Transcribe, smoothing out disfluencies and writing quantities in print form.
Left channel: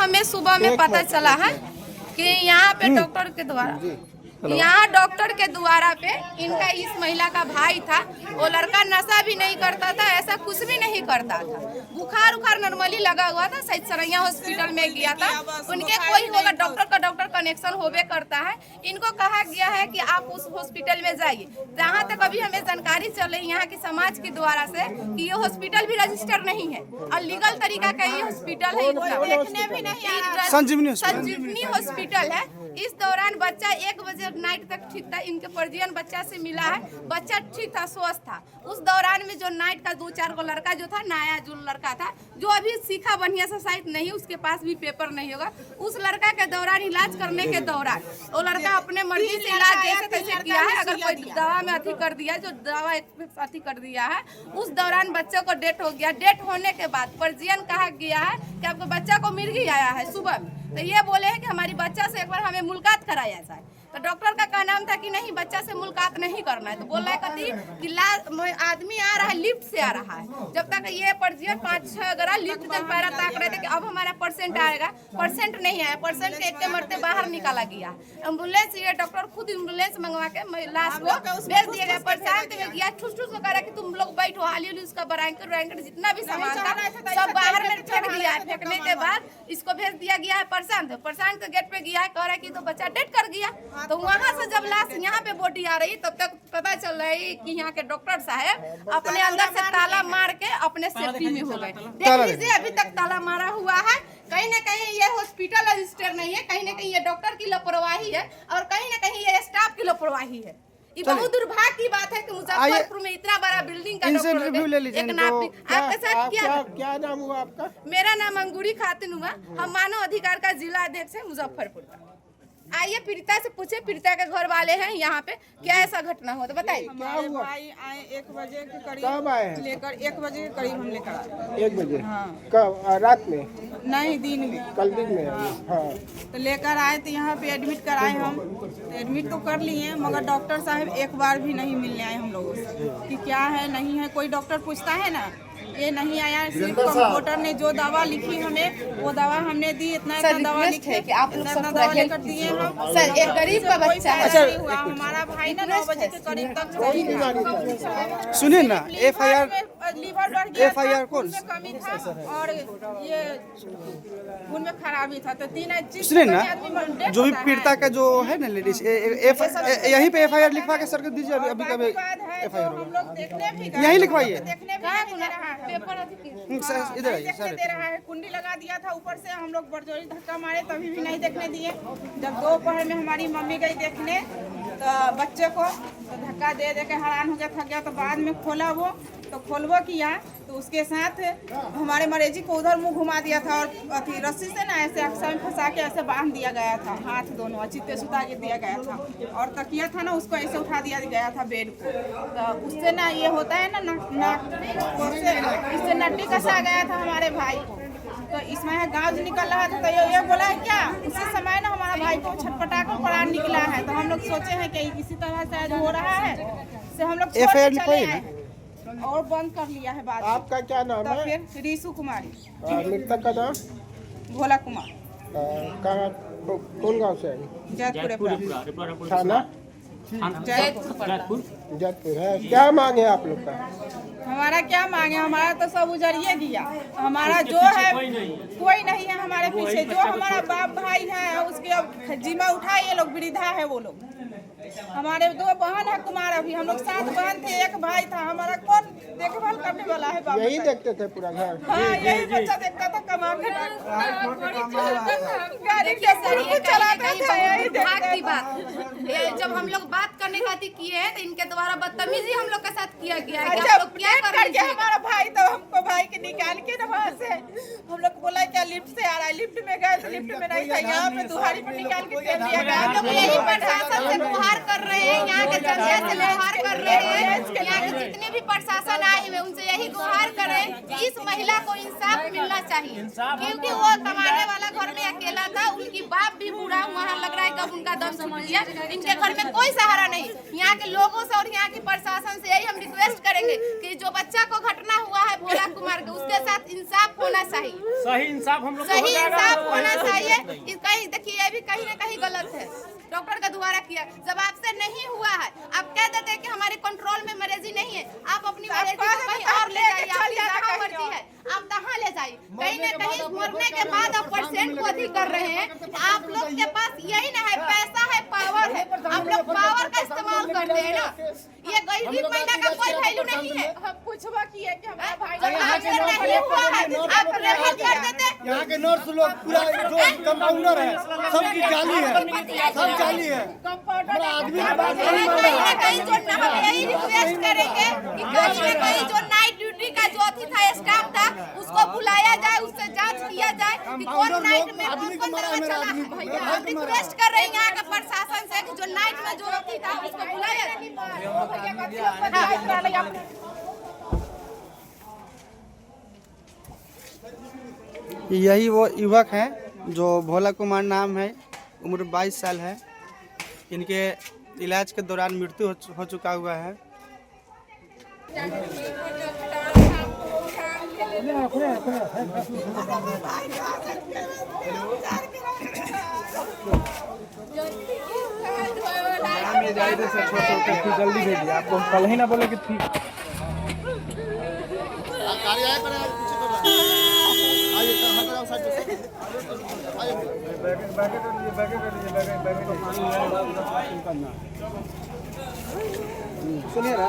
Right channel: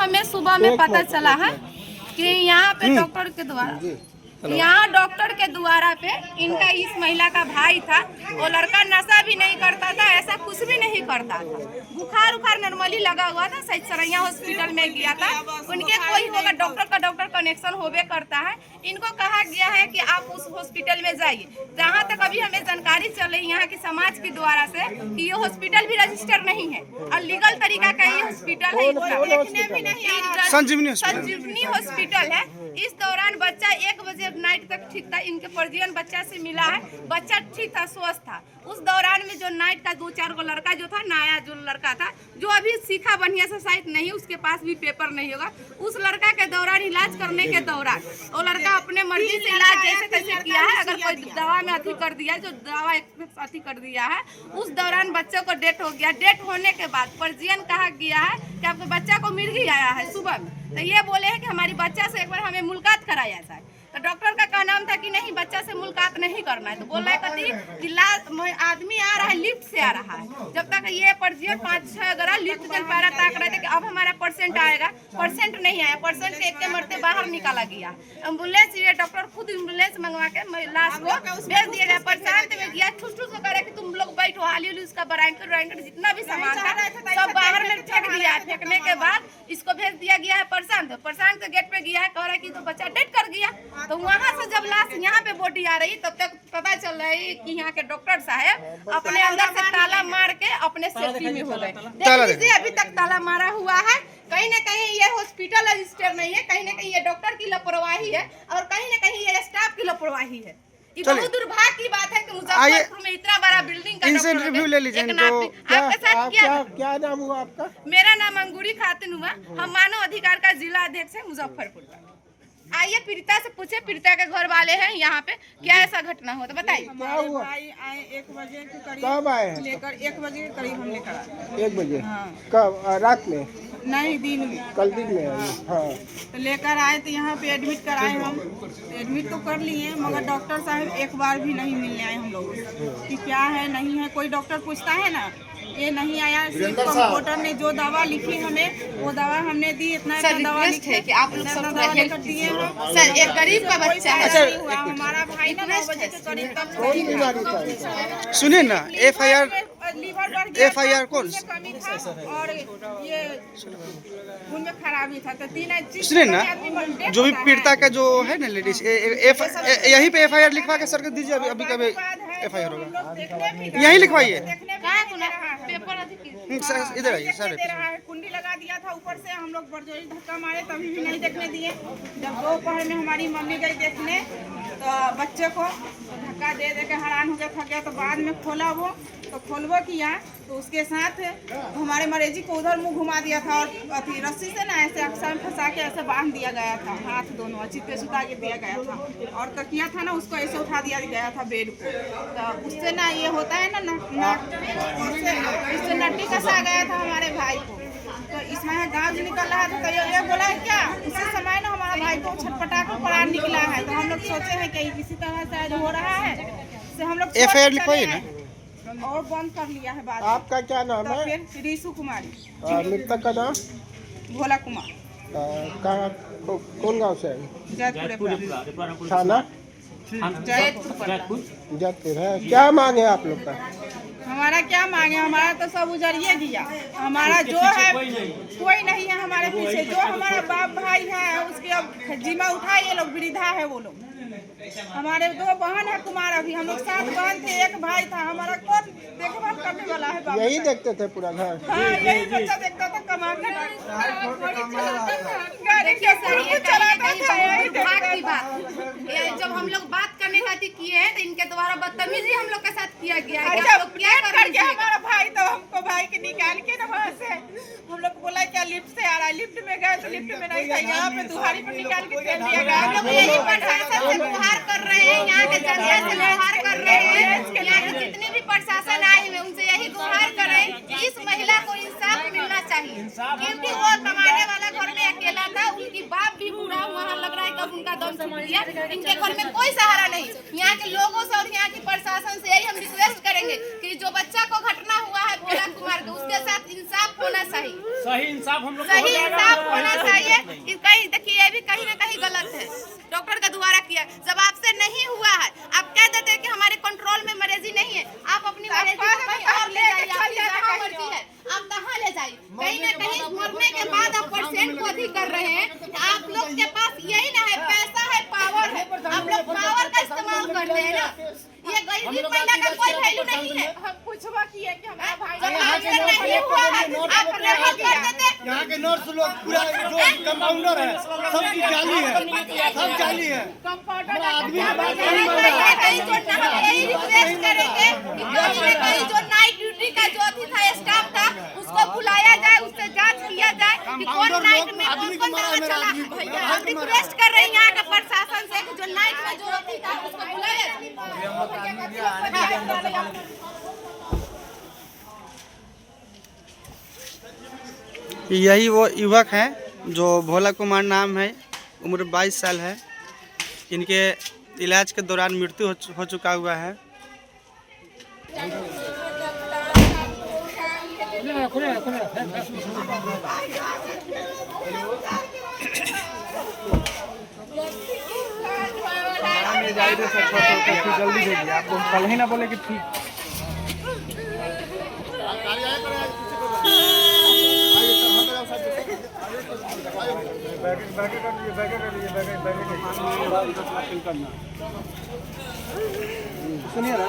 हमें सुबह में पता चला है कि यहाँ पे डॉक्टर के द्वारा पे इनका इस महिला का भाई था। वो लड़का नशा भी नहीं करता था, ऐसा कुछ भी नहीं करता था। बुखार उखार नॉर्मली लगा हुआ था, सही सरैया हॉस्पिटल में गया था। उनके कोई होगा डॉक्टर कनेक्शन होवे करता है। इनको कहा गया है कि आप उस हॉस्पिटल में जाइए। जहाँ तक अभी हमें जानकारी चल रही यहाँ की समाज के द्वारा से कि ये हॉस्पिटल भी रजिस्टर नहीं है और लीगल तरीका का ये हॉस्पिटल है। देखने भी नहीं संजीवनी हॉस्पिटल है। इस दौरान बच्चा 1 बजे नाइट तक ठीक था। इनके परिजन बच्चा से मिला है, बच्चा ठीक था, स्वस्थ था। उस दौरान में जो नाइट का 2-4 को लड़का जो था, नया जो लड़का था, जो अभी सीखा बढ़िया से शायद नहीं, उसके पास भी पेपर नहीं होगा, उस लड़का के दौरान इलाज करने के दौरान वो लड़का अपने मर्जी से इलाज जैसे तैसे किया है। अगर कोई दवा में अति कर दिया, जो दवा अति कर दिया है, उस दौरान बच्चों को डेथ हो गया। डेथ होने के बाद परिजन कहा गया है कि आपके बच्चा को मिर्गी आया है सुबह में, तो ये बोले हैं कि हमारी बच्चा से एक बार हमें मुलाकात कराया जाए। तो डॉक्टर का कहना था कि नहीं, बच्चा से मुलाकात नहीं करना है। तो बोल रहा है कति कि आदमी आ रहा है, लिफ्ट से आ रहा है। जब तक ये पर्जियन 5-6 अगर लिफ्ट के पैरा ताक रहे थे कि अब हमारा पर्सेंट आएगा, पर्सेंट नहीं आया। पर्सेंट के एक मरते बाहर निकाला गया। एम्बुलेंस, ये डॉक्टर खुद एम्बुलेंस मंगवा के लाश को भेज दिया गया। प्रशांत में गया, ठुस ठुस में करा कि तुम लोग बैठो, हाली उसका ब्रांकेट जितना भी सामान था सब बाहर में फेंक दिया। फेंकने के बाद इसको भेज दिया गया है प्रशांत के गेट पे गया है, कह रहा है कि तो बच्चा डेथ कर गया। तो वहाँ से जब लाश यहाँ पे बॉडी आ रही, तब तक पता चल रहा है कि यहाँ के डॉक्टर साहब अपने अंदर से ताला मार के अपने सेफ्टी में हो गए। देखिए अभी तक ताला मारा हुआ है। कहीं न कहीं ये हॉस्पिटल रजिस्टर नहीं है, कहीं न कहीं ये डॉक्टर की लापरवाही है और कहीं न कहीं ये स्टाफ की लापरवाही है। ये बहुत दुर्भाग्य की बात है कि मुजफ्फरपुर में इतना बड़ा बिल्डिंग का इनसे इंटरव्यू ले लीजिए। आपके साथ क्या नाम हुआ आपका? मेरा नाम अंगूरी खातून हुआ। हम मानव अधिकार का जिला अध्यक्ष है मुजफ्फरपुर का। आइए पीड़िता से पूछे, पीड़िता के घर वाले हैं यहाँ पे, क्या ऐसा घटना हो तो बताइए। हमारे भाई आए 1 बजे के करीब, कब आए हैं? लेकर 1 बजे के करीब हम लेकर आए। 1 बजे? हाँ। कब? रात में? नहीं, दिन में। कल दिन में? हाँ। तो लेकर आए तो यहाँ पे एडमिट कराए। हम एडमिट तो कर लिए, मगर डॉक्टर साहब एक बार भी नहीं मिलने आए हम लोगों से कि क्या है नहीं है। कोई डॉक्टर पूछता है ना, ये नहीं आया। सिर्फ कंप्यूटर ने जो दवा लिखी हमें, वो दवा हमने दी। इतना दवा लिखे कि आप दवा लेकर दिए हम। सर एक गरीब का बच्चा है। अच्छा, हमारा भाई ना 9 बजे के करीब तक सही था। सुनिए ना, FIR कौन? कमी था और ये खून में खराबी था। तो 3 सुनिए ना, जो भी पीड़िता का जो है ना लेडीज, यहीं पे FIR लिखवा के सर को दीजिए। अभी कभी FIR होगा, यहीं लिखवाइए। इधर आइए सर। कुंडी लगा दिया था ऊपर से, हम लोग बड़जोरी धक्का मारे तभी भी नहीं देखने दिए। जब दोपहर में हमारी मम्मी गई देखने तो बच्चे को धक्का दे के हैरान हो गया, थक गया। तो बाद में खोला वो, तो खोलबो किया तो उसके साथ हमारे मरीजी को उधर मुंह घुमा दिया था और अथी रस्सी से ना ऐसे अक्सा में फंसा के ऐसे बांध दिया गया था। हाथ दोनों चित्ते सुता के दिया गया था और तकिया था ना, उसको ऐसे उठा दिया गया था बेड को। तो उससे ना ये होता है ना इससे नट्टी कसा गया था हमारे भाई को। तो इसमें गाँव निकल रहा था तो ये बोला है क्या, उसी समय ना हमारा भाई को छटपटा कर प्राण निकला है। तो हम लोग सोचे हैं कि किसी तरह से हो रहा है, से हम लोग FIR लिखवाइए ना और बंद कर लिया है बात। आपका क्या नाम तो है? फिर रीशु कुमारी। मृतक का नाम? भोला कुमार। कहाँ, कौन गाँव से है? जयपुर थाना जयपुर है। क्या मांगे आप लोग का? हमारा क्या मांगे, हमारा तो सब उजड़िए दिया। हमारा जो है कोई नहीं है हमारे पीछे। जो हमारा बाप भाई है उसके अब जिम्मा उठाए ये लोग, वृद्धा है वो लोग। हमारे 2 बहन है कुमार, अभी हम लोग 7 बहन थे, 1 भाई था। हमारा कौन देखभाल करने वाला है? बाप यही देखते थे पूरा घर? हाँ, यही बच्चा देखता था, कमाने गाड़ी के चलाता था। की बात ये जब हम लोग बात करने खातिर किए हैं तो इनके द्वारा बदतमीजी हम लोग के साथ किया गया है। आप लोग क्या कर रहे हैं? हमारा भाई तो हमको भाई के निकाल के ना वहाँ से हम लोग बोला क्या लिफ्ट से आ रहा है। लिफ्ट में गए तो लिफ्ट में नहीं था, यहाँ पे दुहारी पे निकाल के दे दिया गया। हम लोग यही प्रशासन से गुहार कर रहे हैं, यहाँ के जनता से गुहार कर रहे हैं, यहाँ के जितने भी प्रशासन आए हुए उनसे यही गुहार कर रहे हैं कि इस महिला को इंसाफ मिलना चाहिए। क्योंकि वो कमाने वाला घर में अकेला था, उनकी बाप भी बूढ़ा हुआ है, लग रहा है कब उनका दम छूट गया। इनके घर में कोई सहारा नहीं। यहाँ के लोगों से और यहाँ की प्रशासन से यही हम रिक्वेस्ट करेंगे कि जो बच्चा को घटना हुआ है भोला कुमार के, उसके साथ इंसाफ होना चाहिए, सही इंसाफ हम लोग को हो सही जाएगा। इंसाफ होना चाहिए। कहीं देखिए ये भी कहीं ना कहीं गलत है, डॉक्टर के द्वारा किया। जब आपसे नहीं हुआ है, आप कह देते हैं कि हमारे कंट्रोल में मरीजी नहीं है, आप अपनी मरीजी को कहीं और ले जाइए, आपकी जहाँ मर्जी है आप तहाँ ले जाइए। कहीं ना कहीं मरने के बाद आप पेशेंट को अधिक कर रहे हैं। आप लोग के पास यही ना है, पैसा है, पावर है, आप लोग पावर का इस्तेमाल करते हैं ना। ये गरीबी महिला का कोई वैल्यू नहीं है। हम पूछवा किए कि हमारा भाई जब आपसे नहीं हुआ है आप रेफर कर देते। यहाँ के नर्स लोग पूरा जो कंपाउंडर है सबकी जाली है, सब जाली है। कंपाउंडर आदमी की बात कहीं नहीं मान रहा। कहीं जो यही रिक्वेस्ट करेंगे कि कहीं ना कहीं जो नाइट ड्यूटी का जो अथी था स्टाफ था उसको बुलाया जाए, उससे जांच किया जाए कि कौन नाइट में कौन दवा चला है। भैया हम रिक्वेस्ट कर रहे हैं यहाँ के प्रशासन से कि जो नाइट में जो अथी था उसको बुलाया जाए। यही वो युवक हैं जो भोला कुमार नाम है, उम्र 22 साल है। इनके इलाज के दौरान मृत्यु हो चुका हुआ है। जल्दी भेजिए, आपको कल ही ना बोले कि ठीक। सुनिए ना।